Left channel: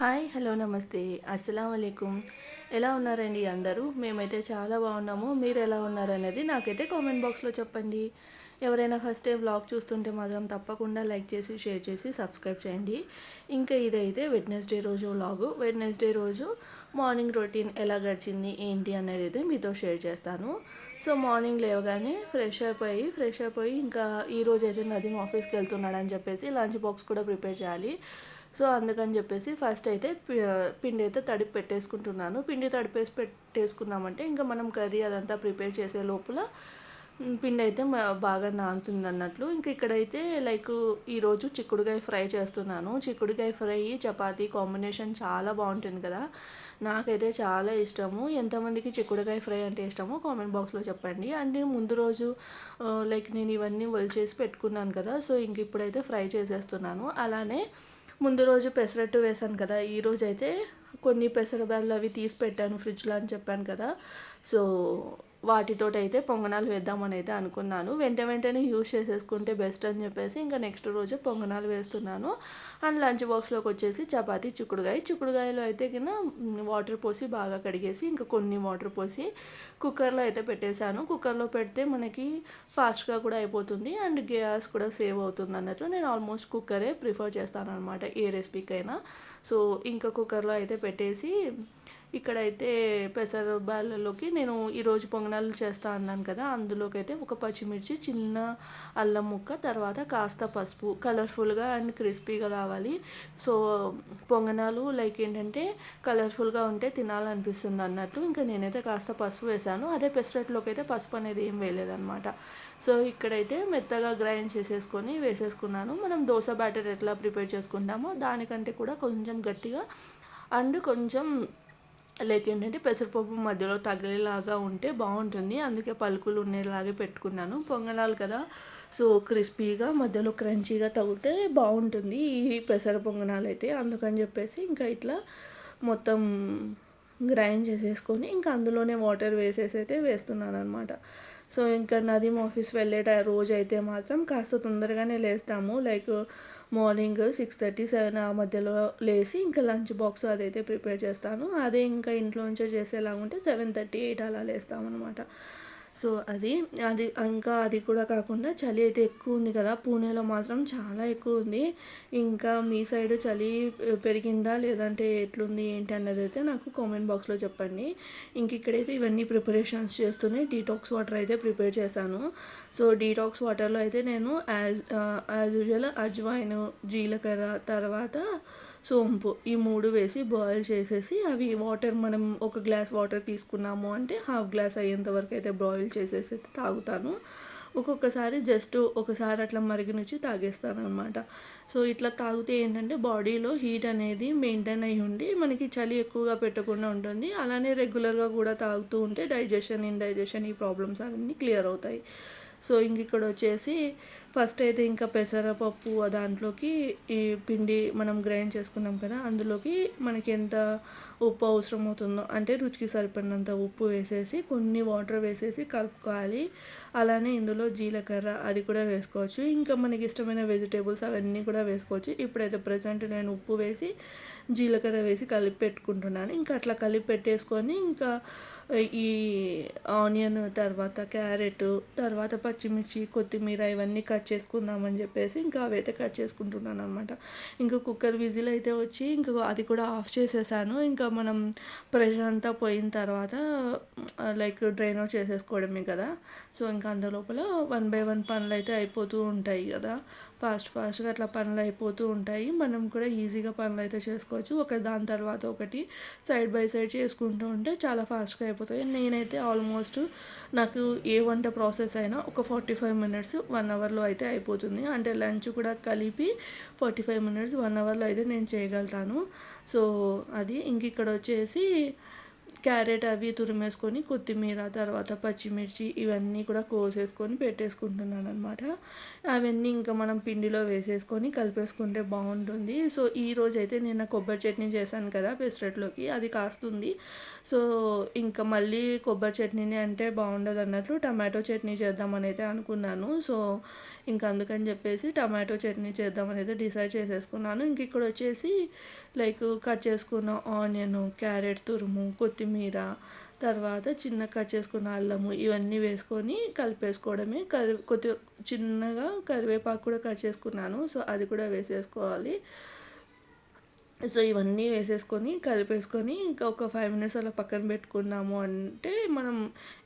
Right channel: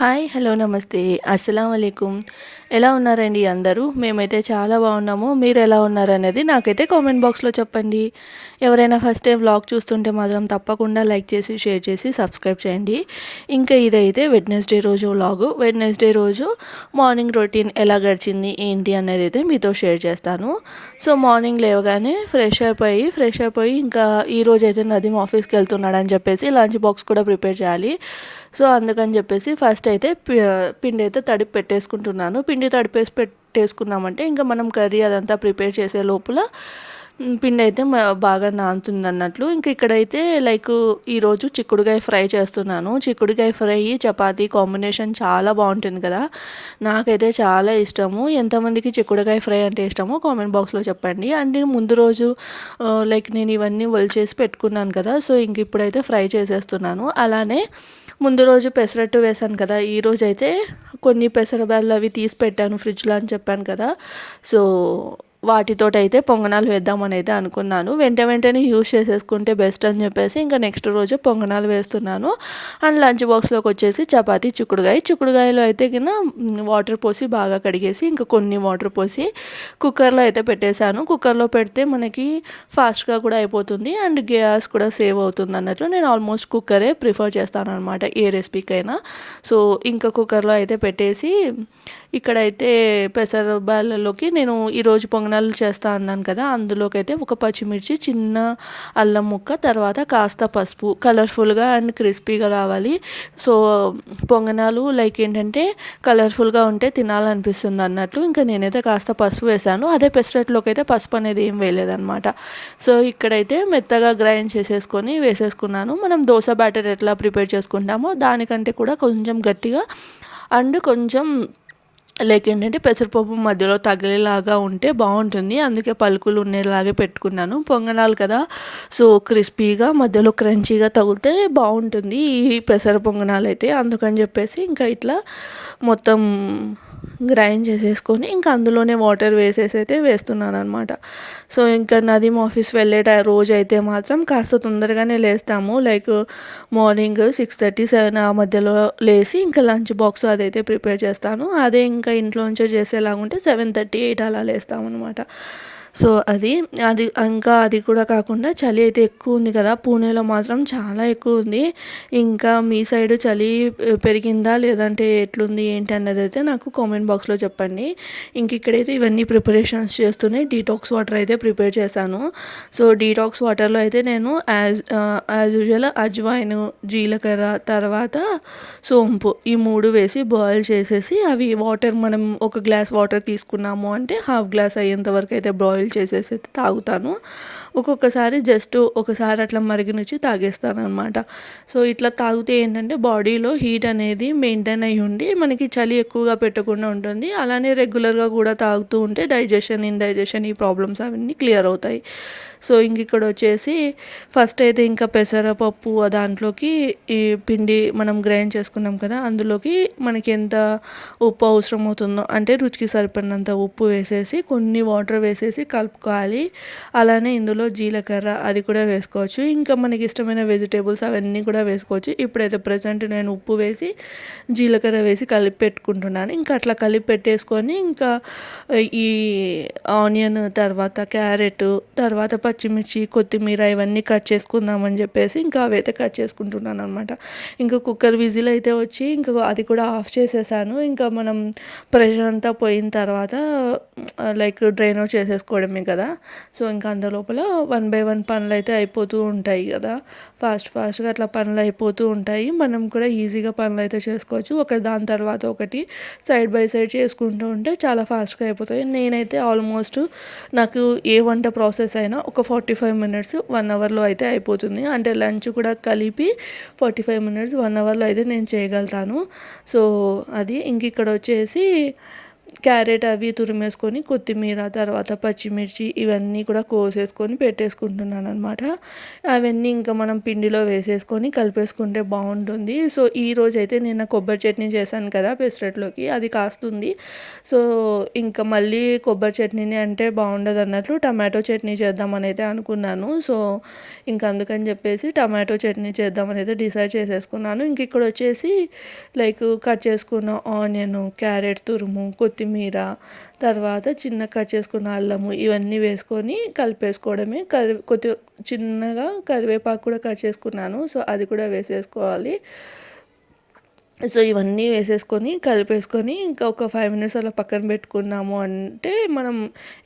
Hi! Hello! నమస్తే. అస్సలాము అలైకుం. ఎలా ఉన్నారండి అందరూ? మేమైతే చాలా బాగున్నాము. మీరెలా ఉన్నారనేది నాకైతే కామెంట్ బాక్స్‌లో చెప్పండి. ఎవరైనా ఫస్ట్ టైం వ్లాగ్ చూస్తుంటే మాత్రం తప్పకుండా లైక్ చేసి, షేర్ చేసి, సబ్స్క్రైబ్ చేయండి. ఇంకా ఇదైతే వెడ్నెస్‌డే రోజు వ్లాగు. వెడ్నెస్‌డే రోజు మార్నింగ్ రొటీన్ ఎలా గడిచింది, ఏంటి అనేదైతే మీతో షేర్ చేస్తాను. సో, మార్నింగ్ లేవగానే ఫ్రెష్ అయిపోయి ఇంకా ఈరోజైతే నదీమ్ ఆఫీస్‌కి వెళ్తున్నాడని చెప్పేసి లంచ్ బాక్స్ కూడా ప్రిపేర్ చేయాలి. సో, అందుకని చెప్పేసి ఫస్ట్ అయితే పిండి అయితే తడిపి పెట్టేసుకుంటున్నాను. పిండి తడిపేసి పెట్టేసుకున్నామంటే ఇంకా మనం కర్రీ అదంతా ప్రిపేర్ చేసే లోపల పిండి అయితే బాగా నానుతుందన్నట్లు. ఇంక ఇక్కడైతే లైక్ ఈరోజు చిక్కుడుకాయ ఫ్రై చేస్తున్నాను. చిక్కుడుకాయ ఫ్రై చపాతీ కాంబినేషన్ చాలా బాగుంటుంది కదా! నాకైతే చాలా ఇష్టము. ఎంతమందికి చిక్కుడుకాయ ఫ్రై అంటే ఇష్టమో కామెంట్ బాక్స్‌లో చెప్పండి. అండ్ ముందు రోజు లైక్ నేను ఇవన్నీ ఒలిచేసి పెట్టుకున్నాను కదా! సో, ఇంక ఇప్పుడైతే ఫ్రై చేసేస్తున్నాను. అలానే ముందు రోజు పెసరట్టు వేశాను కదా! ఈరోజైతే కొన్ని పెసరబ్యాళ్ళు అవి తీసి పెట్టాను ఫ్రిడ్జ్‌లో అని చెప్పాను కదా! సో, వాటితోటైతే పొంగనాలు వేద్దామని అయితే అనుకున్నాను. వెంటనే యూజ్ చేసేసుకుంటే బెస్ట్ అని చెప్పేసి ఇంకా నెక్స్ట్ రోజు పొంగనాలు వేస్తున్నాను. అండ్ లంచ్ బాక్స్‌లోకి వచ్చేసి చపాతీ, చిక్కుడుకాయలో అయితే వాటర్ పోసి బాగా కడిగేసి ఇంకా కొన్ని వాటర్ పోసి కుక్కర్లో అయితే పెట్టేశాను. కుక్కర్లో పెడితే మనకి ఫాస్ట్గా కూడా అయిపోతుంది అండ్ గ్యాస్ కూడా సేవ్ అవుతుంది అన్నట్లు నేను ఆల్మోస్ట్ కుక్కరే ప్రిఫర్ చేస్తాను అనమాట ఏ రెసిపీకైనా. సో, ఇంకా కుక్కర్లో అయితే పెట్టేసి ఇక్కడైతే పెసర బ్యాళ్ళలోకి నేను ఈరోజు పొంగనాలు చేస్తా అన్నాను కదా! అందులోకైతే ఒక పచ్చిమిర్చి, చిన్న అల్లం ముక్క, తర్వాత కాస్త పసుపు కలర్ఫుల్గా అండ్ క్రిస్పీగా రావాలి. సో, పొంగనాలు లైక్ ఏంటంటే కలర్ఫుల్గా ఉంటే తినాలనిపిస్తుంది అన్నట్లు ఇంకా నేనైతే కాస్త పసుపు వేశాను. అదే పెసరట్లోకి అయితే పసుపు అనేది ఏం వేయలేదనమాట. సో, ఇక్కడైతే మెత్తగా గ్రైండ్ చేసేసుకొని వేసేసుకున్నాను. మనం దోస బ్యాటర్ ఎట్లా ప్రిపేర్ చేసుకుంటామో దానికంటే కూడా కొంచెం గట్టిగా అండ్ కొంచెం లైక్ ఏంటంటే పెసరపప్పు మధ్యలో తగిలేలాగా ఉంటే బాగుంటుంది. అందుకే పలుకులు ఉండేలాగే పెట్టుకున్నాను. పొంగనాలు కదా! సో, క్రిస్పీగా మధ్యలో క్రంచీగా తగిలితే బాగుంటుంది ఈ పెసర పొంగనాలు అయితే. అందుకని చెప్పేసి ఇంకా ఇట్లా మొత్తం గ్రైండ్ చేసేసుకొని ఇంకా అందులోనే వాటర్ వేసేసి అయితే వేస్తున్నాను అనమాట. సో, ఇంకా నదీమ్ ఆఫీస్ వెళ్ళే రోజు అయితే మాత్రం కాస్త తొందరగానే లేస్తాము. లైక్ మార్నింగ్ 6:30, 7 ఆ మధ్యలో లేసి ఇంకా లంచ్ బాక్స్ అదైతే ప్రిపేర్ చేస్తాను. అదే ఇంకా ఇంట్లో నుంచే చేసేలాగా ఉంటే 7:30, 8 అలా లేస్తామన్నమాట. సో, అది కూడా కాకుండా చలి అయితే ఎక్కువ ఉంది కదా! పూణేలో మాత్రం చాలా ఎక్కువ ఉంది. ఇంకా మీ సైడ్ చలి పెరిగిందా లేదంటే ఎట్లుంది ఏంటి అన్నదైతే నాకు కామెంట్ బాక్స్‌లో చెప్పండి. ఇంక ఇక్కడైతే ఇవన్నీ ప్రిపరేషన్స్ చేస్తూనే డీటాక్స్ వాటర్ అయితే ప్రిపేర్ చేశాను. సో, డీటాక్స్ వాటర్‌లో అయితే నేను యాజ్ యూజువల్ అజ్వాయిన్, జీలకర్ర, తర్వాత సోంపు ఈ 3 వేసి బాయిల్ చేసేసి అవి వాటర్ మనం ఒక గ్లాస్ వాటర్ తీసుకున్నాము అంటే హాఫ్ గ్లాస్ అయ్యేంత వరకు అయితే బాయిల్ చేసేసి అయితే తాగుతాను. ఒక్కొక్కసారి జస్ట్ ఒకసారి అట్లా మరిగనిచ్చి తాగేస్తాననమాట. సో, ఇట్లా తాగితే ఏంటంటే బాడీలో హీట్ అనేది మెయింటైన్ అయ్యి ఉండి మనకి చలి ఎక్కువగా పెట్టకుండా ఉంటుంది. అలానే రెగ్యులర్గా కూడా తాగుతూ ఉంటే ఇండైజెషన్ ఈ ప్రాబ్లమ్స్ అవన్నీ క్లియర్ అవుతాయి. సో, ఇక్కడ వచ్చేసి ఫస్ట్ అయితే ఇంకా పెసరపప్పు దాంట్లోకి ఈ పిండి మనం గ్రైండ్ చేసుకున్నాం కదా! అందులోకి మనకి ఎంత ఉప్పు అవసరం అవుతుందో అంటే రుచికి సరిపడినంత ఉప్పు వేసేసి కొన్ని వాటర్ వేసేసి కలుపుకోవాలి. అలానే ఇందులో జీలకర్ర అది కూడా వేసుకోవచ్చు. ఇంకా మనకి ఇష్టమైన వెజిటేబుల్స్ అవన్నీ కూడా వేసుకోవచ్చు. ఇప్పుడైతే ప్రెజెంట్ నేను ఉప్పు వేసి, జీలకర్ర వేసి కలిపి పెట్టుకుంటున్నాను. ఇంకా అట్లా కలిపి పెట్టేసుకొని ఇంకా ఈ ఆనియన్, తర్వాత క్యారెట్, తర్వాత పచ్చిమిర్చి, కొత్తిమీర ఇవన్నీ కట్ చేసుకుందామని చెప్పేసి ఇంకా అవైతే కట్ చేసుకుంటున్నాను అనమాట. ఇంకా కుక్కర్ విజిల్ అయితే వచ్చి ఇంకా అది కూడా ఆఫ్ చేసేసాను. ఇంకా మనం ప్రెషర్ అంతా పోయిన తర్వాత లైక్ డ్రైన్ అవుట్ చేసేసుకోవడమే కదా! సో, ఇంకా అందులోపల 1 బై 1 పనులైతే అయిపోతూ ఉంటాయి కదా! ఫాస్ట్‌గా అట్లా పనులు అయిపోతూ ఉంటాయి. మనం కూడా ఈజీగా పనులైతే చేసుకోవచ్చు. ఒకటి దాని తర్వాత ఒకటి సైడ్ బై సైడ్ చేసుకుంటూ ఉంటే చాలా ఫాస్ట్‌గా అయిపోతాయి. నేనైతే ఆల్మోస్ట్ నాకు ఏ వంట ప్రాసెస్ అయినా ఒక 45 మినిట్స్, 1 అవర్‌లో అయితే అయిపోతుంది. అంటే లంచ్ కూడా కలిపి 45 మినిట్స్, 1 అవర్‌లో అయితే నేను చేయగలుగుతాను. సో, అది ఇంక ఇక్కడ వచ్చేసి క్యారెట్ అవి తురిమేసుకొని, కొత్తిమీర, తర్వాత పచ్చిమిర్చి ఇవన్నీ కూడా కోసేసుకొని పెట్టేసుకుంటున్నాననమాట. అవన్నీ ఇంకా మనం పిండిలో వేసేసుకొని కలిపేసుకుంటే బావుంటుంది. సో, ఈరోజైతే నిన్న కొబ్బరి చట్నీ చేశాను కదా పెసరట్లోకి, అది కాస్తుంది. సో, ఇంకా మళ్ళీ కొబ్బరి చట్నీనే అంటే బావుండదన్నట్లు టమాటో చట్నీ చేద్దామనైతే అనుకున్నాను. సో, ఇంక అందుకని చెప్పేసి టమాటో చట్నీ చేద్దామనైతే డిసైడ్ చేసేసుకున్నాను. ఇంక ఇక్కడొచ్చేసి లైక్ కట్ చేసుకున్న ఆనియను, క్యారెట్ తురుము, కొత్తిమీర, తర్వాత చిన్నగా కట్ చేసుకున్న అల్లము ఇవన్నీ వేసుకొని కలిపేసుకోవడమే. చిన్నగా కరివేపాకు కూడా కట్ చేసుకున్నాను. సో, అది కూడా వేసేసుకోవాలి. సో, ఇవన్నీ వేసేసుకొని కలిపేసుకొని ఇంకా ఒక 5 మినిట్స్ అలా పక్కన పెట్టుకున్నాము అంటే మనం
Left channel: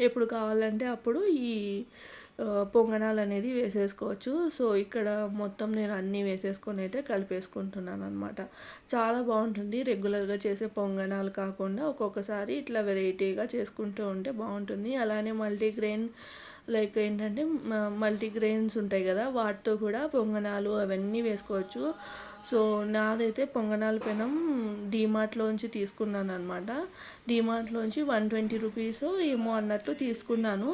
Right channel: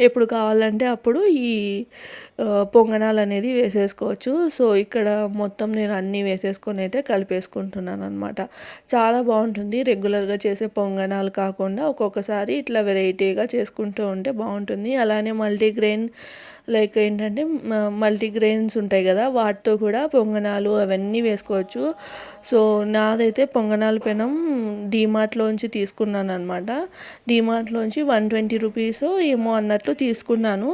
ఎప్పుడు కావాలంటే అప్పుడు ఈ పొంగనాలనేది వేసేసుకోవచ్చు. సో, ఇక్కడ మొత్తం నేను అన్నీ వేసేసుకొని అయితే కలిపేసుకుంటున్నాననమాట. చాలా బావుంటుంది. రెగ్యులర్‌గా చేసే పొంగనాలు కాకుండా ఒక్కొక్కసారి ఇట్లా వెరైటీగా చేసుకుంటూ ఉంటే బావుంటుంది. అలానే మల్టీగ్రెయిన్ లైక్ ఏంటంటే మల్టీగ్రెయిన్స్ ఉంటాయి కదా! వాటితో కూడా పొంగనాలు అవన్నీ వేసుకోవచ్చు. సో, నాదైతే పొంగనాల పెనం డీమార్ట్‌లోంచి తీసుకున్నాననమాట. డీమార్ట్‌లోంచి 120 రూపీసో ఏమో అన్నట్లు తీసుకున్నాను.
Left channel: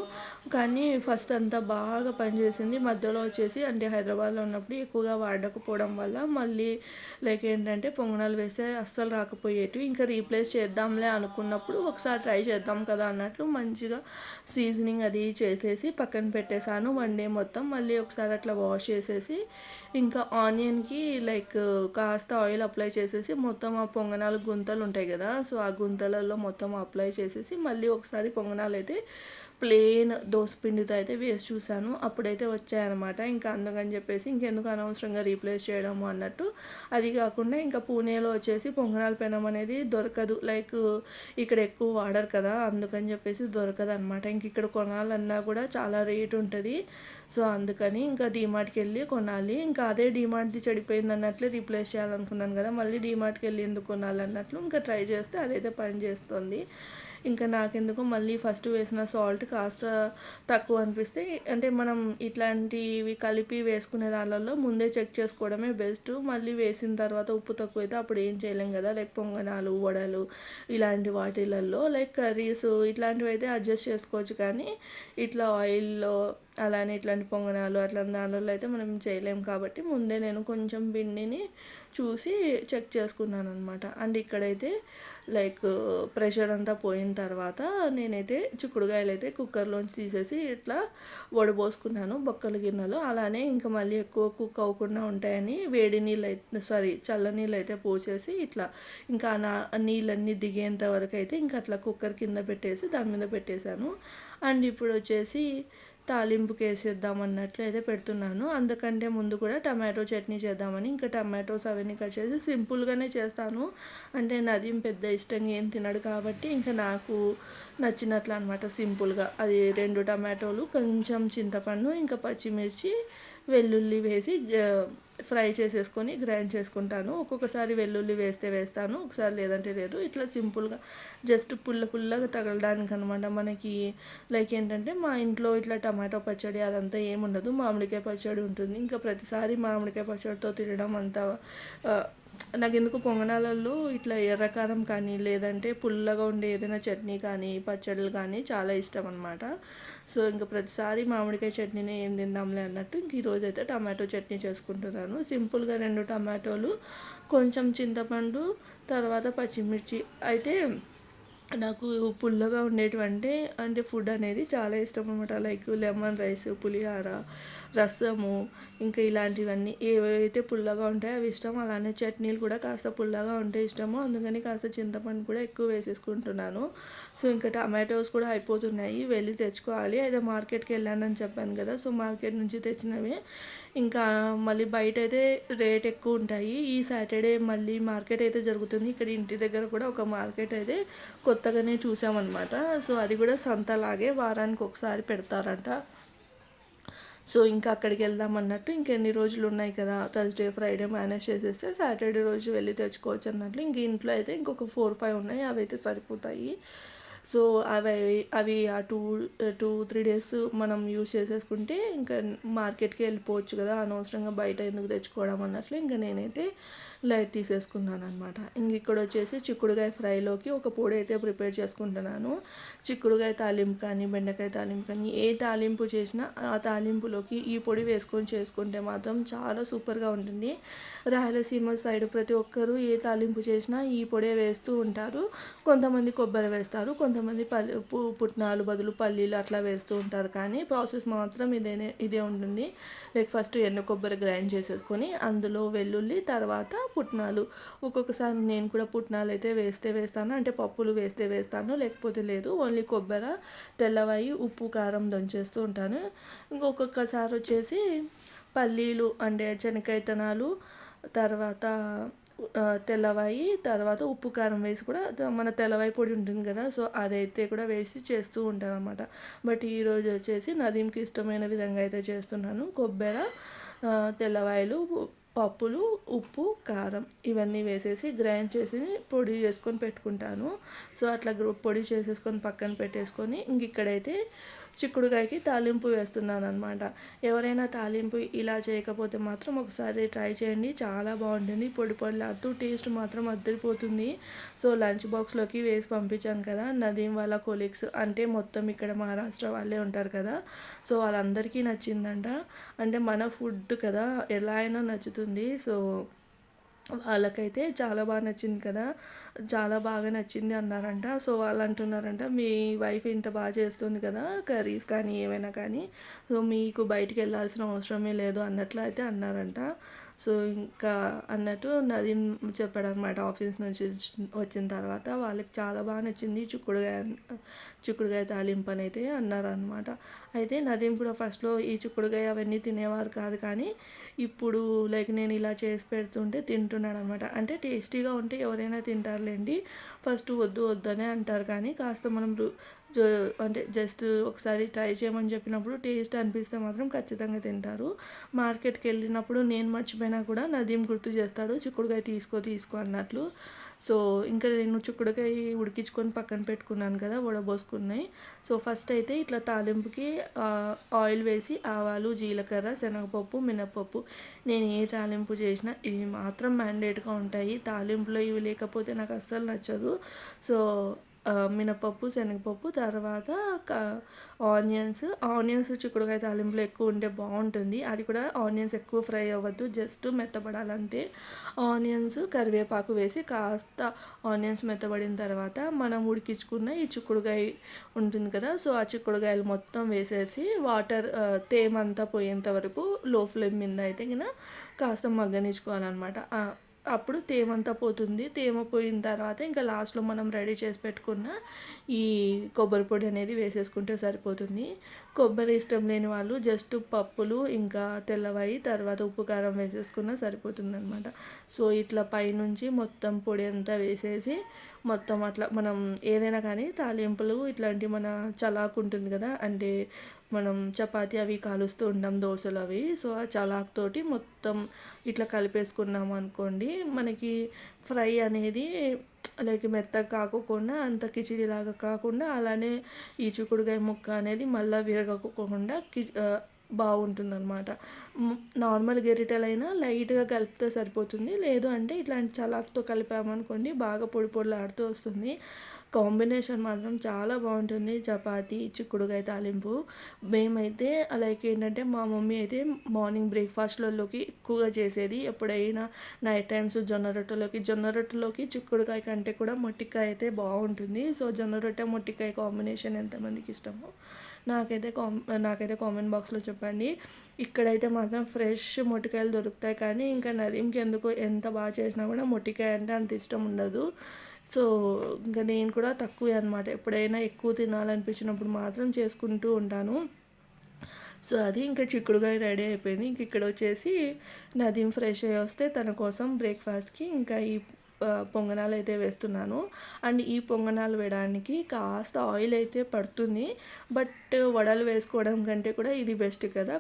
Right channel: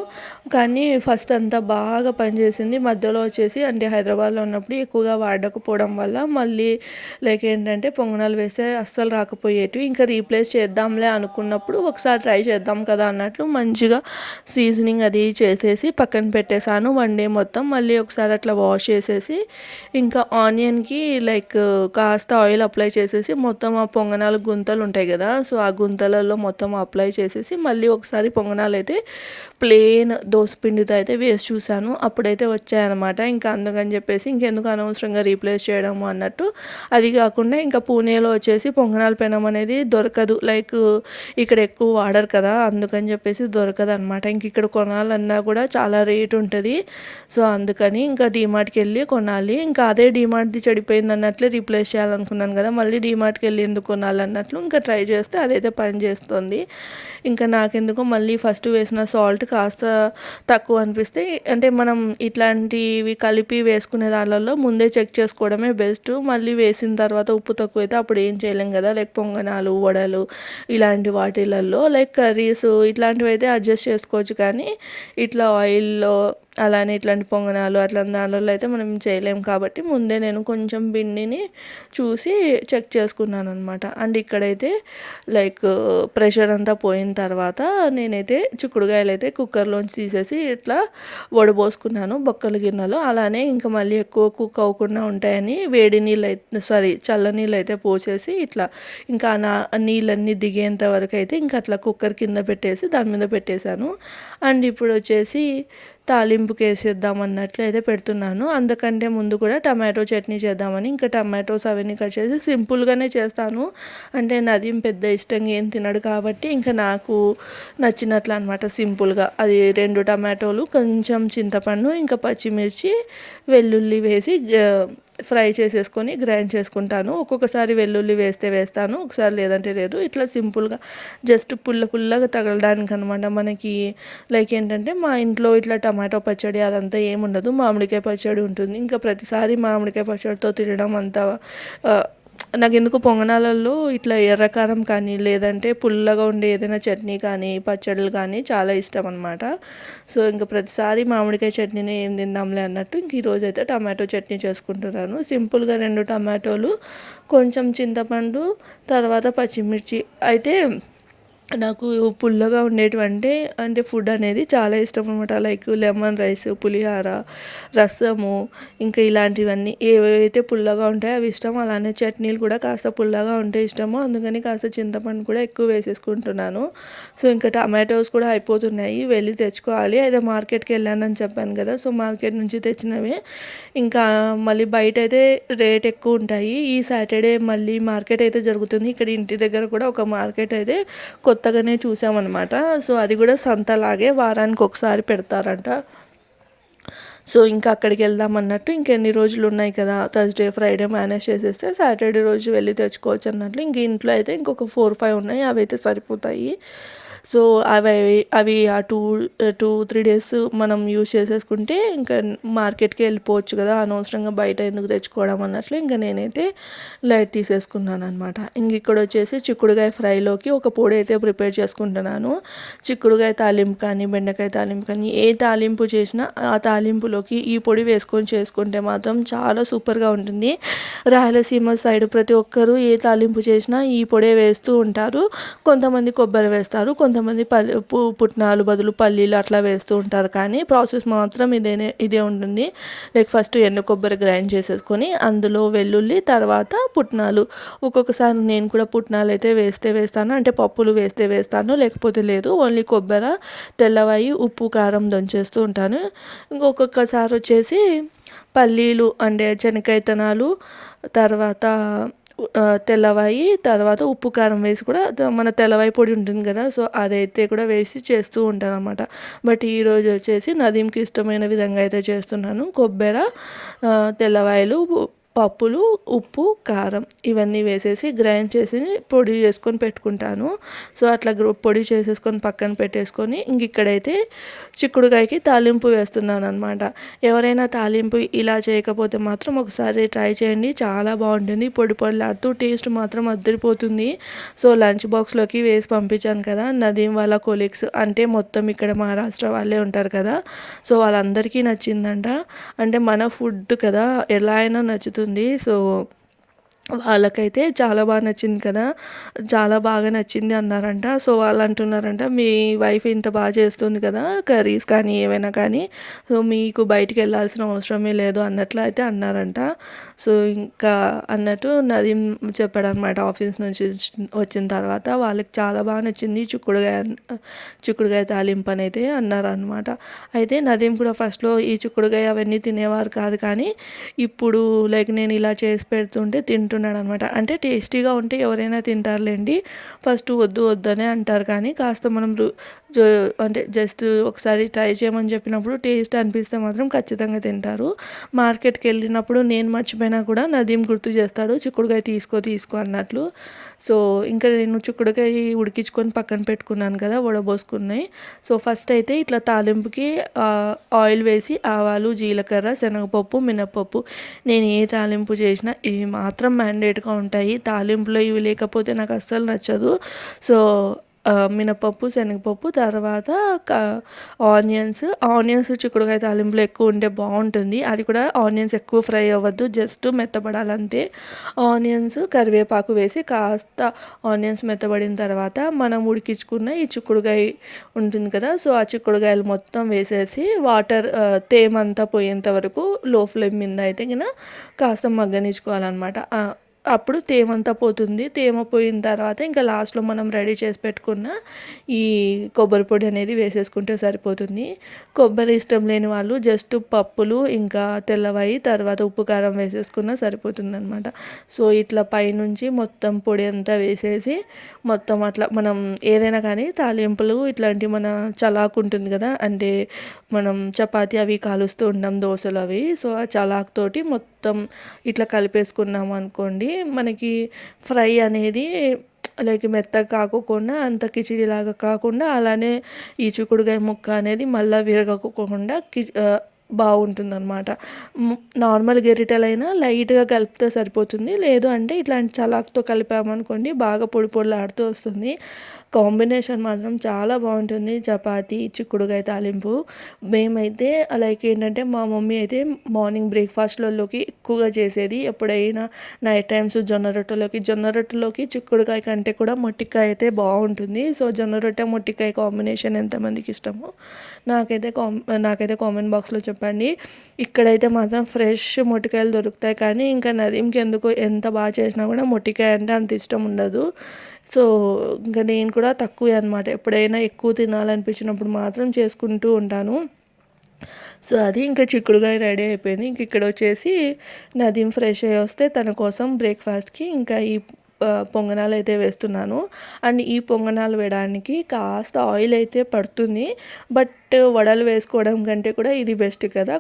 కానీ ఫస్ట్ అంతా బాగా పనిచేసింది. మధ్యలో వచ్చేసి అంటే హైదరాబాద్‌లో ఉన్నప్పుడు ఎక్కువగా వాడకపోవడం వల్ల మళ్ళీ లైక్ ఏంటంటే పొంగనాలు వేస్తే అస్సలు రాకపోయేటివి. ఇంకా రీప్లేస్ చేద్దాంలే అనుకున్నప్పుడు ఒకసారి ట్రై చేద్దాం కదా అన్నట్లు మంచిగా సీజనింగ్ అది చేసేసి పక్కన పెట్టేసాను 1 డే మొత్తం. మళ్ళీ ఒకసారి అట్లా వాష్ చేసేసి ఇంకా ఆనియన్‌కి లైక్ కాస్త ఆయిల్ అప్లై చేసేసి మొత్తం ఆ పొంగనాలు గుంతలు ఉంటాయి కదా! సో, ఆ గుంతలలో మొత్తం అప్లై చేసేసి మళ్ళీ ఒకసారి పొంగనాలైతే ప్లెయిన్ దోసపిండితో అయితే వేసి చూశాను. అప్పుడైతే వచ్చాయన్నమాట. ఇంకా అందుకని చెప్పేసి ఇంకెందుకు అనవసరంగా రీప్లేస్ చేయడము అన్నట్టు. అది కాకుండా ఇంకా పూణేలో వచ్చేసి పొంగనాల పెనం అనేది దొరకదు. లైక్ ఇక్కడ ఎక్కువ వాడరు కదా! అందుకని చెప్పేసి దొరకదనమాట. ఇంక ఇక్కడ కొనాలన్నా కూడా చాలా రేట్ ఉంటది. సో, అందుకని ఇంకా డీమార్ట్‌కెళ్ళి కొనాలి. ఇంకా అదే డీమార్ట్‌ది చెడిపోయిందన్నట్లే రీప్లేస్ చేయాలనుకున్నాను కదా! మళ్ళీ డీమార్ట్‌కెళ్ళి ఎందుకు కొనాలన్నట్లు ఇంకా ట్రై చేస్తే అదైతే పని చేస్తుంది. ఇంకా నాకెందుకో మళ్ళీ ఫస్ట్ వేసిన సాల్ట్ కాస్త తక్కువ అనిపిస్తే అంటే మనం ఇట్లాంటివి కలిపి వేసుకునే దాంట్లో ముందే చెక్ చేసుకోవడమే బెస్ట్. మళ్ళీ వేసిన తర్వాత ఉప్పు తక్కువైతే అప్పుడు ఏం చేయలేం కదా! లైక్ పొంగనాలు, వడలు ఇలాంటి వాటిలల్లో లైక్ కర్రీస్ ఇట్లాంటివైతే అడ్జస్ట్ చేసుకోవచ్చు కానీ ఇట్లా ఆయిల్‌లో అలానే ఇట్లాంటి పొంగనాలు అట్లాంటి దాంట్లో అయితే మనం చేయలేము కాబట్టి ముందే నేను కొంచెం పిండిని చూసి చెక్ చేసుకున్నాననమాట. అండ్ ఇక్కడైతే లైక్ ప్రెషర్ అంతా పోయిన తర్వాత నేనైతే చిక్కుడుగాయలైతే కుక్కర్‌లోంచి తీసేసి ఇట్లా వడబోసుకున్నాను బొక్కల గిన్నెలో. అలానే ఇంకా మళ్ళీ ఎక్కువ కుక్ అవ్వకుండా ఉంటాయని వేడి చల్ల నీళ్ళైతే పోసేసి ఇట్లా ఇంకా నీళ్ళన్నీ దిగేంత వరకు అయితే ఇంకా అట్లా కుక్కర్ కింద పెట్టేసి దాని మీద పెట్టేశాను. అండ్ ఇప్పుడు వచ్చేసి తాలింపుకి వేసేద్దాం అన్నట్లు అయితే పెడుతున్నాను. అందుకంటే ముందు కూడా టమాటో చట్నీ చేద్దామని ఇంకా టమాటోస్ అవన్నీ కట్ చేసి సింపుల్‌గానే చేస్తాను. అంటే నదీం పెద్ద ఇష్టంగా ఏం తినడు కాబట్టి ఇంకా నాకు నచ్చినట్లు అనమాట సింపుల్‌గా. అది 2 టమాటోలు, కొంచెం చింతపండు, ఇంకా పచ్చిమిర్చి, వెల్లుల్లి వేసి ఫ్రై చేసేసుకొని గ్రైండ్ చేసుకుంటాను. ఒక్కొక్కసారి వెల్లుల్లి వేస్తే వేస్తాను, ఒకసారి లేదంటే లేదు. ఇట్లా సింపుల్‌గా జస్ట్ పుల్లగా తగలడానికి అనమాట. మనకి లైక్ ఏంటంటే మా ఇంట్లో ఇట్లా టమాటో పచ్చడి అదంతా ఏముండదు. మామిడికాయ పచ్చడి ఉంటుంది. ఇంకా ప్రతిసారి మామిడికాయ పచ్చడితో తినడం అంతా నాకెందుకో పొంగనాలలో ఇట్లా ఎర్రకారం కానీ లేదంటే పుల్లగా ఉండే ఏదైనా చట్నీ కానీ పచ్చళ్ళు కానీ చాలా ఇష్టం అనమాట. సో, ఇంక ప్రతిసారి మామిడికాయ చట్నీనే ఏం తిందాంలే అన్నట్టు ఇంక ఈరోజైతే టమాటో చట్నీ చేసుకుంటున్నాను. సింపుల్‌గా 2 టమాటోలు, కొంచెం చింతపండు, తర్వాత పచ్చిమిర్చి అయితే నాకు పుల్లగా ఉండేటివంటే అంటే ఫుడ్ అనేది చాలా ఇష్టం అనమాట. లైక్ లెమన్ రైస్, పులిహోర, రసము ఇంకా ఇలాంటివన్నీ ఏవేవైతే పుల్లగా ఉంటాయో అవి ఇష్టం. అలానే చట్నీలు కూడా కాస్త పుల్లగా ఉంటే ఇష్టము. అందుకని కాస్త చింతపండు కూడా ఎక్కువ వేసేసుకుంటున్నాను. సో, ఇంకా టమాటోస్ కూడా అయిపోతున్నాయి, వెళ్ళి తెచ్చుకోవాలి. అయితే మార్కెట్‌కి వెళ్ళానని చెప్పాను కదా! సో, మార్కెట్ నుంచి తెచ్చినవే. ఇంకా మళ్ళీ బయటైతే రేట్ ఎక్కువ ఉంటాయి. ఈ సాటర్డే మళ్ళీ మార్కెట్ అయితే జరుగుతుంది. ఇక్కడ ఇంటి దగ్గర కూడా ఒక మార్కెట్ అయితే కొత్తగానే చూసామన్నమాట. సో, అది కూడా సంతలాగే వారానికి ఒకసారి పెడతారంట. సో, ఇంకా అక్కడికి వెళ్దాం అన్నట్టు ఇంకెన్ని రోజులు ఉన్నాయి కదా! థర్స్‌డే, ఫ్రైడే మేనేజ్ చేసేస్తే సాటర్డే రోజు వెళ్ళి తెచ్చుకోవచ్చు అన్నట్లు. ఇంక ఇంట్లో అయితే ఇంకొక 4, 5 ఉన్నాయి. అవైతే సరిపోతాయి. సో అవి అవి ఆ 2-3 డేస్ మనం యూజ్ చేసేసుకుంటే ఇంకా మార్కెట్కి వెళ్ళిపోవచ్చు కదా, అనవసరంగా బయట ఎందుకు తెచ్చుకోవడం అన్నట్లు ఇంకా నేనైతే లైట్ తీసేసుకున్నాను అనమాట. ఇంక ఇక్కడ వచ్చేసి చిక్కుడుకాయ ఫ్రైలోకి ఒక పొడి అయితే ప్రిపేర్ చేసుకుంటున్నాను. చిక్కుడుకాయ తాలింపు కానీ బెండకాయ తాలింపు కానీ ఏ తాలింపు చేసినా ఆ తాలింపులోకి ఈ పొడి వేసుకొని చేసుకుంటే మాత్రం చాలా సూపర్గా ఉంటుంది. రాయలసీమ సైడ్ ప్రతి ఒక్కరూ ఏ తాలింపు చేసినా ఈ పొడే వేస్తూ ఉంటారు. కొంతమంది కొబ్బరి వేస్తారు, కొంతమంది పుట్నాలు బదులు పల్లీలు అట్లా వేస్తూ ఉంటారు. కానీ ప్రాసెస్ మాత్రం ఇదే ఉంటుంది. లైక్ ఫస్ట్ ఎండు కొబ్బరి గ్రైండ్ చేసేసుకొని అందులో వెల్లుల్లి తర్వాత పుట్నాలు, ఒక్కొక్కసారి నేను కూడా పుట్నాలు అయితే వేస్తాను, అంటే పప్పులు వేస్తాను, లేకపోతే లేదు, ఓన్లీ కొబ్బరి తెల్లవాయి ఉప్పు కారం దంచేస్తూ ఉంటాను. ఇంకొకసారి వచ్చేసి పల్లీలు అంటే శనగకాయతనాలు తర్వాత తెల్లవాయి తర్వాత ఉప్పు కారం వేసి కూడా మన తెల్లవాయి పొడి ఉంటుంది కదా, సో అదైతే కూడా వేసి చేస్తూ ఉంటాను అనమాట. బట్ ఈరోజు వచ్చేసి నదీంకి ఇష్టమైన విధంగా అయితే చేస్తున్నాను. కొబ్బరి, తెల్లవాయలు, పప్పులు, ఉప్పు కారం ఇవన్నీ వేసేసి గ్రైండ్ చేసి పొడి చేసుకొని పెట్టుకుంటాను. సో అట్లా పొడి చేసేసుకొని పక్కన పెట్టేసుకొని ఇంక ఇక్కడైతే చిక్కుడుకాయకి తాలింపు వేస్తున్నాను అనమాట. ఎవరైనా తాలింపు ఇలా చేయకపోతే మాత్రం ఒకసారి ట్రై చేయండి, చాలా బాగుంటుంది. పొడి పొడిలాడుతూ టేస్ట్ మాత్రం అద్దరిపోతుంది. సో లంచ్ బాక్స్లోకి వేసి పంపించాను కదా, నదీం వాళ్ళ కొలీగ్స్ అంటే మొత్తం ఇక్కడ మహారాష్ట్ర వాళ్ళే ఉంటారు కదా, సో వాళ్ళందరికీ నచ్చిందంట. అంటే మన ఫుడ్ కదా ఎలా అయినా నచ్చుతుంది. సో వాళ్ళకైతే చాలా బాగా నచ్చింది కదా, చాలా బాగా నచ్చింది అన్నారంట. సో వాళ్ళు అంటున్నారంట, మీ వైఫ్ ఇంత బాగా చేస్తుంది కదా కర్రీస్ కానీ ఏవైనా కానీ, సో మీకు బయటికి వెళ్ళాల్సిన అవసరమే లేదు అన్నట్లు అయితే అన్నారంట. సో ఇంకా అన్నట్టు నదీం చెప్పాడనమాట, ఆఫీస్ నుంచి వచ్చిన తర్వాత వాళ్ళకి చాలా బాగా నచ్చింది చిక్కుడుకాయ తాలింపు అని అయితే అన్నారనమాట. అయితే నదీం కూడా ఫస్ట్లో ఈ చిక్కుడుకాయ అవన్నీ తినేవారు కాదు, కానీ ఇప్పుడు లైక్ నేను ఇలా చేసి పెడుతుంటే తింటున్నాడు అనమాట. అంటే టేస్టీగా ఉంటే ఎవరైనా తింటారులేండి, ఫస్ట్ వద్దు వద్దనే అంటారు, కానీ కాస్త మనం అంటే జస్ట్ ఒకసారి ట్రై చేయమని చెప్పినప్పుడు టేస్ట్ అనిపిస్తే మాత్రం ఖచ్చితంగా తింటారు. మార్కెట్కి వెళ్ళినప్పుడు నేను మర్చిపోయినా కూడా నదీం గుర్తు చేస్తాడు, చిక్కుడుకాయ తీసుకో అన్నట్లు. సో ఇంకా నేను చిక్కుడుకాయ ఉడికించుకొని పక్కన పెట్టుకున్నాను కదా వడబోసుకున్నాయి. సో ఫస్ట్ అయితే ఇట్లా తాలింపుకి ఆయిల్ వేసి ఆవాలు, జీలకర్ర, శనగపప్పు, మినప్పప్పు, నేను ఏ తాలింపు చేసినా ఇవి మాత్రం మ్యాండేట్గా ఉంటాయి. తాలింపులో ఇవి లేకపోతే నాకు అస్సలు నచ్చదు. సో మినపప్పు, శనగపప్పు, తర్వాత ఆనియన్స్ చిక్కుడుకాయ తాలింపులో ఎక్కువ ఉంటే బాగుంటుంది. అది కూడా ఆనియన్స్ ఎక్కువ ఫ్రై అవ్వద్దు, జస్ట్ మెత్తబడాలంతే. ఆనియన్స్, కరివేపాకు వేసి కాస్త ఆనియన్స్ మెత్తబడిన తర్వాత మనం ఉడికించుకున్న ఈ చిక్కుడుకాయ ఉంటుంది కదా, సో ఆ చిక్కుడుకాయలు మొత్తం వేసేసి వాటర్ తేమంతా పోయేంత వరకు లో ఫ్లేమ్ మీద అయితే కాస్త మగ్గనిచ్చుకోవాలన్నమాట. అప్పుడు తేమంతా పోతుంది. తేమ పోయిన తర్వాత ఇంకా లాస్ట్లో మనం రెడీ చేసి పెట్టుకున్న ఈ కొబ్బరి పొడి అనేది వేసేసుకుంటే సరిపోతుంది. కొబ్బరి ఇష్టం లేని వాళ్ళు జస్ట్ పప్పులు ఇంకా తెల్లవాయి తర్వాత ఉప్పు కారం వేసేసుకున్నా సరిపోతుంది అనమాట. సో ఇట్లా పైనుంచి మొత్తం పొడి అంతా వేసేసి మొత్తం అట్లా మనం ఏదైనా కానీ తాలింపులు ఇట్లాంటి మన చలాకు ఉంటుంది కదా, అంటే మనం చపాతీ అవి కాలుస్తూ ఉంటాం, దోశలు అవి, సో ఆ చలాక్ తోటి మొత్తం ఇట్లా కలిపేసుకున్నాం అనుకోండి, మనకి ఫ్రై అనేది లైక్ మెత్తగా కాకుండా అంత కిచిడిలాగా కాకుండా అలానే ఈ చిక్కుడుకాయ ముక్క అనేది మళ్ళీ విరగకుండా బాగుంటుందన్నమాట. నార్మల్ గెరిటెలైనా లైట్గా కలిపితే సరిపోతుంది, లేదు అంటే ఇట్లాంటి చలాక్తో కలిపామనుకోండి బాగా పొడి పొడిలాడుతూ వస్తుంది. కాంబినేషన్ మాత్రం చాలా బాగుంటుంది చపాతీ చిక్కుడుకాయ తాలింపు. మేమైతే లైక్ ఏంటంటే మా మమ్మీ అయితే మార్నింగ్ బ్రేక్ఫాస్ట్లలోకి ఎక్కువగా చేసేది, ఎప్పుడైనా నైట్ టైమ్స్ జొన్న రొట్టెలోకి చిక్కుడుకాయ కంటే కూడా మొట్టికాయ అయితే బాగుంటుంది. సో జొన్న రొట్టె మొట్టికాయ కాంబినేషన్ ఎంతమందికి ఇష్టమో నాకైతే కామెంట్ బాక్స్లో చెప్పండి. ఇక్కడైతే మాత్రం ఫ్రెష్ మొట్టికాయలు దొరుకుతాయి, కానీ ఇంకా నదీంకి ఎందుకు ఎంత బాగా చేసినా కూడా మొట్టికాయ అంటే అంత ఇష్టం ఉండదు. సో ఇంకా నేను కూడా తక్కువే అనమాట, ఎప్పుడైనా ఎక్కువ తినాలనిపించినప్పుడు మాత్రం చేసుకుంటూ ఉంటాను. సో అది ఇంకా చిక్కుడుకాయ రెడీ అయిపోయింది. ఇంక ఇక్కడ వచ్చేసి నదీం ఫ్రెష్ అయ్యి వస్తే తన కోసం బ్రేక్ఫాస్ట్కి ఇంకా ఈ పొంగనాలు అయితే వేస్తున్నాను. అండ్ ఈ పొంగనాలు వేయడానికి కాస్త ఆయిల్ అయితే పడుతుంది, బట్ వడలు వేసుకోవడం కంటే కూడా ఇది బెస్ట్ కదా.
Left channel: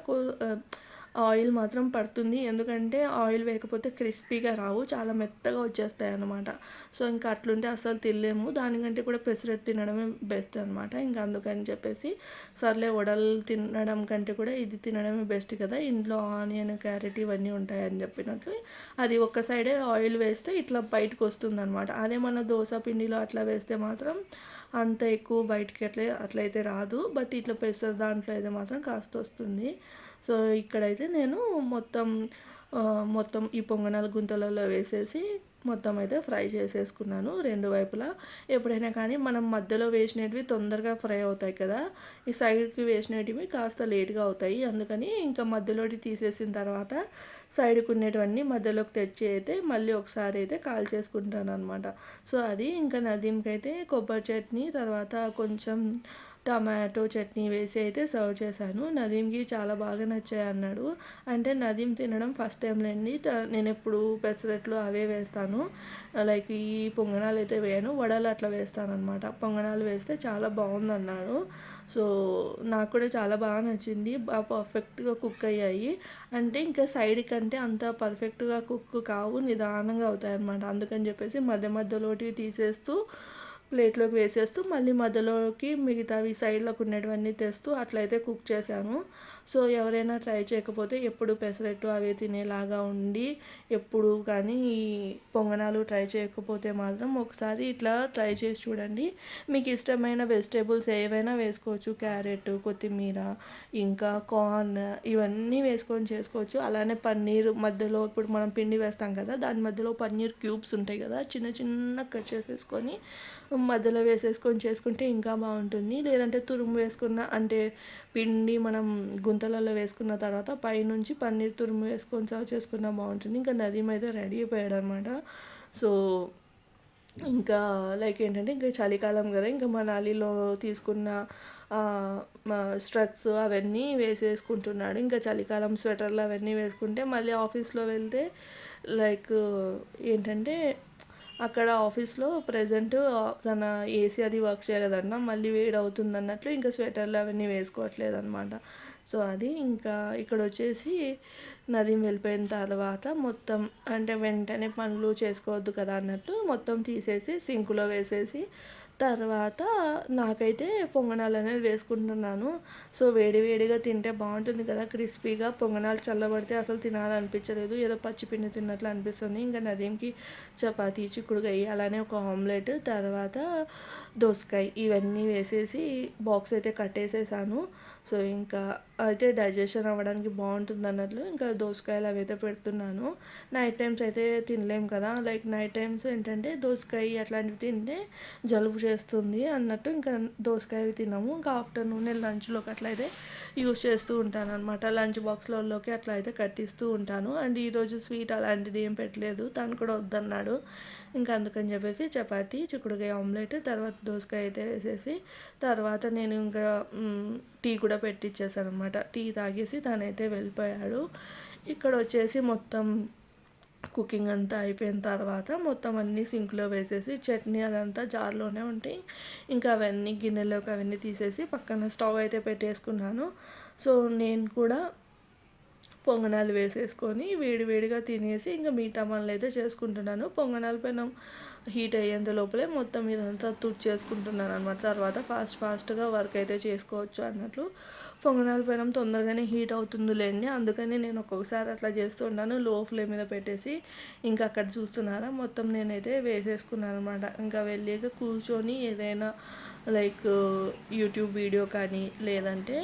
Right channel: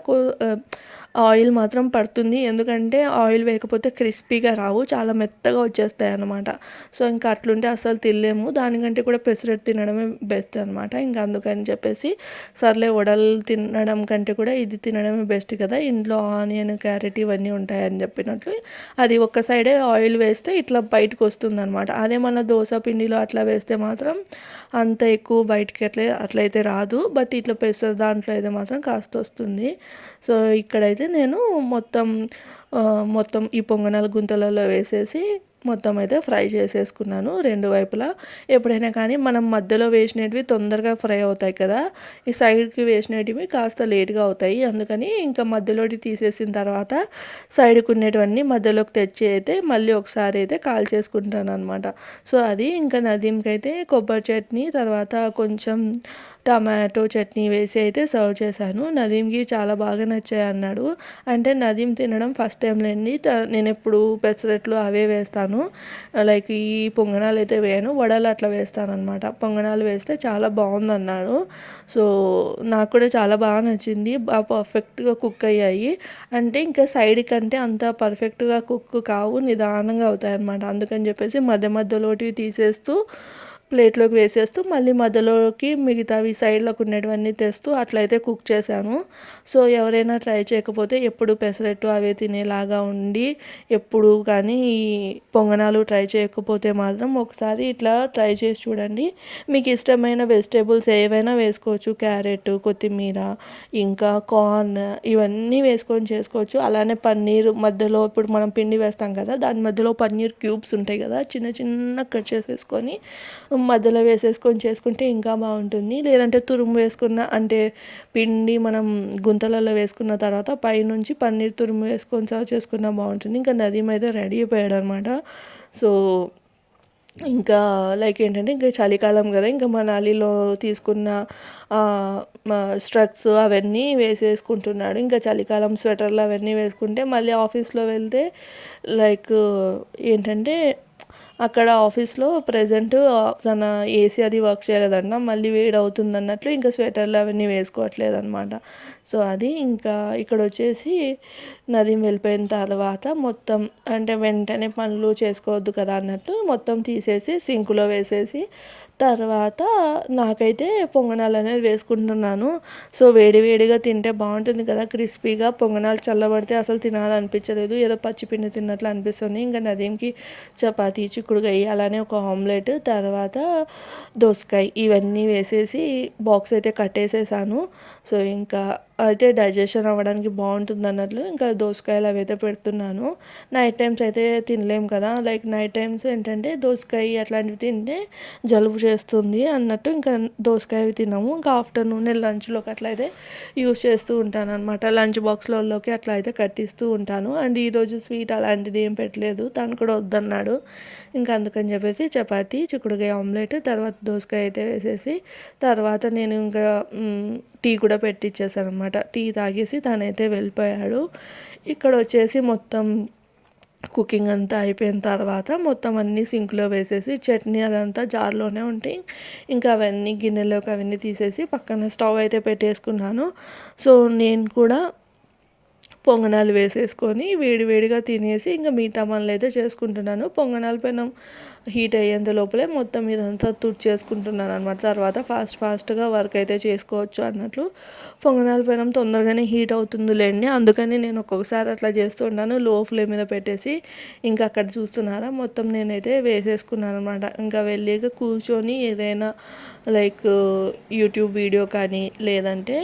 ఆయిల్ మాత్రం పడుతుంది. ఎందుకంటే ఆయిల్ వేయకపోతే క్రిస్పీగా రావు, చాలా మెత్తగా వచ్చేస్తాయి అన్నమాట. సో ఇంకా అట్లుంటే అస్సలు తినలేము. దానికంటే కూడా పెసరట్టు తినడమే బెస్ట్ అనమాట. ఇంకా అందుకని చెప్పేసి సర్లే వడలు తినడం కంటే కూడా ఇది తినడమే బెస్ట్ కదా, ఇంట్లో ఆనియన్ క్యారెట్ ఇవన్నీ ఉంటాయని చెప్పినట్లు అది ఒక్క సైడే ఆయిల్ వేస్తే ఇట్లా బయటకు వస్తుందన్నమాట. అదే మన దోశ పిండిలో అట్లా వేస్తే మాత్రం అంత ఎక్కువ బయటికి అట్లయితే రాదు. బట్ ఇట్లా పెసర దాంట్లో అయితే మాత్రం కాస్త వస్తుంది. సో ఇక్కడైతే నేను మొత్తం మొత్తం ఈ పొంగనాలు గుంతలలో వేసేసి మొత్తం అయితే ఫ్రై చేసేసుకున్నాను రెండు వైపులా. ఎప్పుడైనా కానీ మనం మధ్యలో వేసినవి తొందరగా ఫ్రై అవుతాయి కదా, ఈ సైడ్కి వేసినవి కాస్త లేట్గా అవుతాయి. అందుకని ఇంకా మధ్యలోకి తీసేసిన తర్వాత సైడ్కి ఉండేటివన్నీ మధ్యలోకి తెచ్చి అయితే మళ్ళీ ఒకసారి అయితే కాల్ చేసుకుంటాను అనమాట. సో అది ఇంకా నదీంకి అయితే కొబ్బరి చట్నీ తర్వాత కొంచెం టమాటో చట్నీ వేసి అయితే సర్వ్ చేశాను. నదీంకి చాలా బాగా నచ్చాయి అన్నాడు. అంటే నదీం తినడం ఫస్ట్ టైం లేండి, నేను ఎప్పుడు పెసరట్లు అవే వేస్తాను, లైక్ ఈ పొంగనాలు అయితే వేయను, వడలు అట్లా వేస్తాను అనమాట. పొంగనాలు వేస్తే చాలా బాగుంది అన్నాడు. సో నాకు కూడా చాలా బాగా నచ్చింది, బాగా పర్ఫెక్ట్గా కుక్ అయ్యాయి. అంటే ఇంకా సైడ్ కంటే అంత పర్ఫెక్ట్గా కుక్ కావు, నిదానంగా అవుతాయి అన్నమాట. అందుకని చెప్పేసి మధ్య మధ్యలోటి తీసేస్తూ ప్లేట్లోకి వేసేస్తూ మళ్ళీ మధ్యలోకి మిగతావి సైడ్లోకి ఉండేటివన్నీ తెస్తూ అట్లయితే కుక్ చేశాను. సో ఎవరైనా ట్రై చేయకపోతే ఎప్పుడు పెసరట్టు అవే తినేలాగా ఉండి ఎప్పుడు కానీ ఈ పొంగనాలు ట్రై చేయకపోతే మాత్రం ఒకసారి ఇట్లా ట్రై చేసి చూడండి. మీకు ఇష్టమైన వెజిటేబుల్స్ ఏవైనా వేసుకోవచ్చు, క్యారెట్, కొత్తిమీర, ఇంకా కార్న్ ఇవన్నీ వేసుకొని చేసుకోవచ్చు. అలానే పన్నీర్ మధ్యలో ఇప్పుడు మనం పిండి వేస్తాం కదా, దాని మధ్యలో పన్నీర్ క్యూబ్స్ ఉంటాయి కదా, చిన్న చిన్న కట్ చేసేసుకొని మధ్యలో వేసేసుకొని చేసుకుంటే ఇంకా బాగుంటుంది. లేదంటే తురుము వేసుకున్న అంటే పిండి మనం గుంతలలో వేసుకున్న తర్వాత పైనుంచి పన్నీర్ తురుము వేసుకొని సర్వ్ చేసుకున్నా బాగుంటుంది. ఇంకా నదీం అయితే రెడీ అయిపోయాడు అనమాట. సో ఇంకా లైక్ ఏంటంటే ఇంకా చలికాలం కదా, ఇంకా మనాలిలో తీసుకున్న స్ట్రక్స్ అవన్నీ వేసేసుకుంటున్నాడు. ఇంకా చలికాలం స్వెటర్లు అవన్నీ వేసుకుంటే మళ్ళీ ఆఫీస్లో వెళ్తే లైక్ ఏంటంటే అక్కడ ఆఫీస్లో ప్రజెంట్ తన ఏసీ అది వర్క్ చేయలేదన్న, మళ్ళీ వేడి అవుతుంది అన్నట్లు ఇంకా స్వెటర్లు అవన్నీ వేసుకోవట్లేదు అనమాట. సో అది ఇంకా ఇక్కడ వచ్చేసి నదీం వెళ్ళిపోయిన తర్వాత మొత్తం అంటే వెంటనే పనులు చేసుకోవద్దు కదా అన్నట్టు మొత్తం తీసేసి సింకులో వేసేసి తర్వాత నాకైతే పొంగనాలు అనేది వేసుకుంటున్నాను. సో వేడి వేడిగా తింటే బాగుంటుంది కదా క్రిస్పీగా, పొంగనాలు చల్లబడితే అసలు తినాలనిపించలేదు, ఏదో పచ్చిపిండి తిన్నట్లు అనిపిస్తుంది. ఇంకా నదీంకి చపాతీ, చిక్కుడుకాయ, అలానే ఒక ఆమ్లెట్, తర్వాత దోసకాయ ఇవన్నీ వేసేసి బాక్స్ అయితే కట్టేసేసాను. సో ఇంకా అయితే డైజెషన్ అవ్వడానికి బాగుంటుంది అన్నట్లు ఇంకా దోసకాయలు అవి అయితే పెడుతున్నాను. నైట్ టైమ్స్ అయితే తినలేం కదా, లైక్ నైట్ టైమ్స్ ఏంటంటే దోసకాయ అట్లాంటివి తింటే జలుబు చేస్తుంది అన్నట్టు ఇంకా దోసకాయ తినము. ఇంకా ఆఫ్టర్నూన్ లంచ్లోకి అట్లా అయితే యూస్ చేస్తూ ఉంటాను అనమాట. లంచ్ బాక్స్లలోకి అట్లా అయితే కట్టిస్తూ ఉంటాను. అండ్ ఈరోజు స్వీట్ అలాంటిది ఏం పెట్టలేదు, తను కూడా వద్దన్నాడు. ఇంకా అందుకని చెప్పేసి చపాతీ, చిక్కుడుకాయ ఆమ్లెట్, తర్వాత దోసకాయ అయితే వేసేసి తర్వాత నేను ఇంకా టీ కూడా పెట్టిచ్చేసాను అనమాట. టీ తాగేసి తనైతే వెళ్ళిపోయాడు. ఇక్కడ వచ్చేసి మొత్తం కుకింగ్ అంతా అయిపోయిన తర్వాత మొత్తం అన్నీ సింక్లో వేసేసి చట్నీ అదంతా జార్లోనే ఉంటాయి, ఇంకా అవన్నీ గిన్నెలోకి అవన్నీ తీసేసి పక్కన స్టవ్ అయితే పెట్టేసుకున్నాను. సో నేను కూడా పొంగనాలు వేసేసుకొని వేడి వేడిగా తినేసి ఇంకా మిగతా పనులు అయితే చేసుకుంటున్నాను. పొంగనాల పైన హీట్ అయ్యేంత లోపలే మొత్తం ఇదంతా తుడిచేసుకుంటున్నాను అనమాట. తర్వాత ఫాస్ట్గా వర్క్ అయితే చేసుకోవచ్చు అన్నట్లు పొంగనాల పైన తొందరగానే హీట్ అవుతుందిలేండి, అందుకని నేను ఒక్కొక్కసారి అట్లా చేస్తూ ఉంటాను, లో ఫ్లేమ్ మీద పెట్టేసి. ఇంకా అక్కడ చూస్తున్నారా మొత్తం నేనైతే వేసేసుకున్నాను అనమాట. ఇంకా వెళ్ళి కూర్చొని ఏదైనా లైక్ యూట్యూబ్ వీడియో కానీ లేదంటే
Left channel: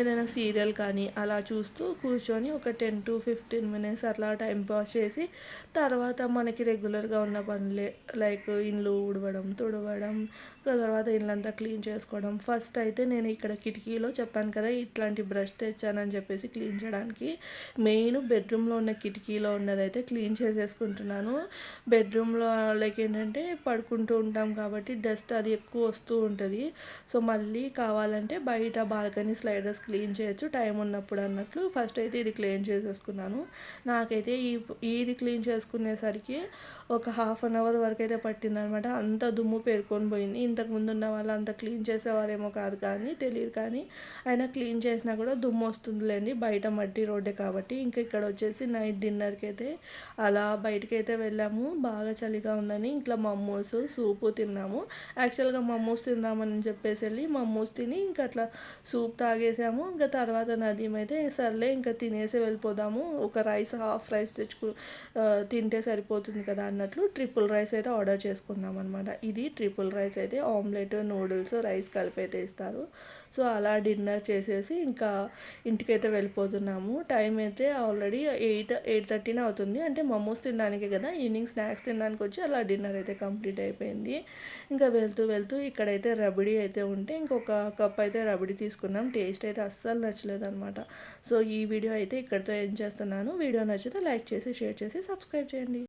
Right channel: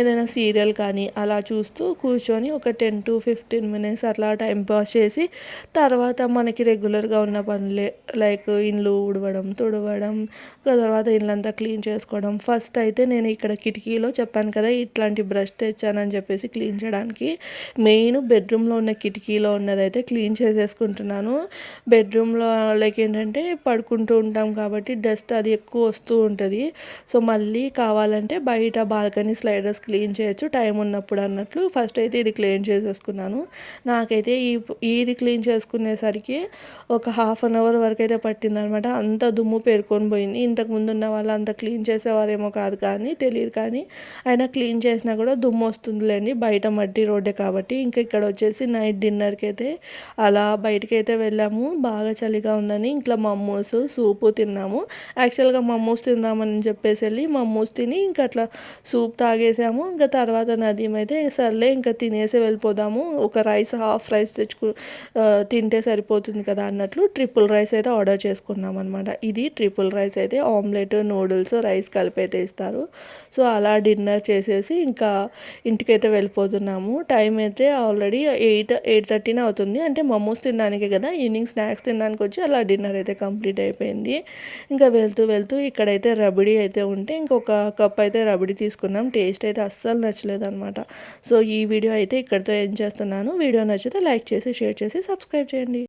ఏదైనా సీరియల్ కానీ అలా చూస్తూ కూర్చొని ఒక 10 to 15 minutes అట్లా టైం పాస్ చేసి తర్వాత మనకి రెగ్యులర్గా ఉన్న పనులే లైక్ ఇండ్లు ఊడవడం, తుడవడం, తర్వాత ఇల్లంతా క్లీన్ చేసుకోవడం. ఫస్ట్ అయితే నేను ఇక్కడ కిటికీలో చెప్పాను కదా ఇట్లాంటి బ్రష్ తెచ్చానని చెప్పేసి క్లీన్ చేయడానికి, మెయిన్ బెడ్రూమ్లో ఉన్న కిటికీలో ఉన్నదైతే క్లీన్ చేసేసుకుంటున్నాను. బెడ్రూమ్లో లైక్ ఏంటంటే పడుకుంటూ ఉంటాం కాబట్టి డస్ట్ అది ఎక్కువ వస్తూ ఉంటుంది. సో మళ్ళీ కావాలంటే బయట బాల్కనీ స్లైడర్స్ క్లీన్ చేయొచ్చు టైం ఉన్నప్పుడు అన్నట్లు ఫస్ట్ అయితే ఇది క్లీన్ చేసేసుకున్నాను. నాకైతే ఇది క్లీన్ చేసుకునేసరికి ఒక హాఫ్ అన్ అవర్ వరకు అయితే పట్టిందనమాట. అంత దుమ్ము పేరుకొని పోయింది. ఇంతకుముందు ఉన్న వాళ్ళు అంత క్లీన్ చేసేవారేమో కాదు కానీ తెలియదు, కానీ అయినా క్లీన్ చేసినా కూడా దుమ్ము వస్తుందిలేండి, బయట మట్టి రోడ్డే కాబట్టి. ఇంకా ఇక్కడ వచ్చేసి నైట్ డిన్నర్కి అయితే అలా బయటకైతే వెళ్ళాము. బాగా చలిగా ఉందని ఇంట్లో మమ్మూస్ సూపు తిన్నాము. యాక్చువల్గా మమ్మూస్ తిందామని చెప్పేసి వెళ్ళి మమ్మూస్ తిని ఇంకా అట్లా సూప్ తాగేసాము. ఇంకా తర్వాత నదీం అయితే సర్లే ఇంకా తినేసి వెళ్ళిపోదాము, ఒక రైస్ హాఫ్ రైస్ తింటే సరిపోతుంది కదా అన్నట్లు ట్రిపుల్ రైస్ అయితే ఆర్డర్ చేసుకున్నాం అనమాట. ఇది ట్రిపుల్ రైస్ అయితే ఆమ్లెట్ నూడిల్స్ రైస్ కలిపి అయితే ఇస్తారు. సో అలా డిన్నర్ చేసేసి ఇంకా ఇంటికైతే వెళ్ళిపోతున్నాము. టైం అయితే ఆల్రెడీ 8:30 అవుతుంది. అంటే మమ్మూస్ తినడానికే కదా, ఈవినింగ్ స్నాక్స్ తినడానికి వచ్చి అలా డిన్నర్ అయితే కంప్లీట్ అయిపోయింది. ఇంకా వెళ్తూ వెళ్తూ ఇక్కడైతే రబడీ అయితే ఉంటే ఇంకొక కప్ అయితే రబడీ తీసుకున్నాం. టేస్ట్ అయితే అస్సలు నచ్చలేదు అనమాట. సో ఈ వీడియో అయితే ఇక్కడితో ఎండ్ చేస్తున్నాను. వీడియో నచ్చితే లైక్ చేసి షేర్ చేసి సబ్స్క్రైబ్ చేయండి.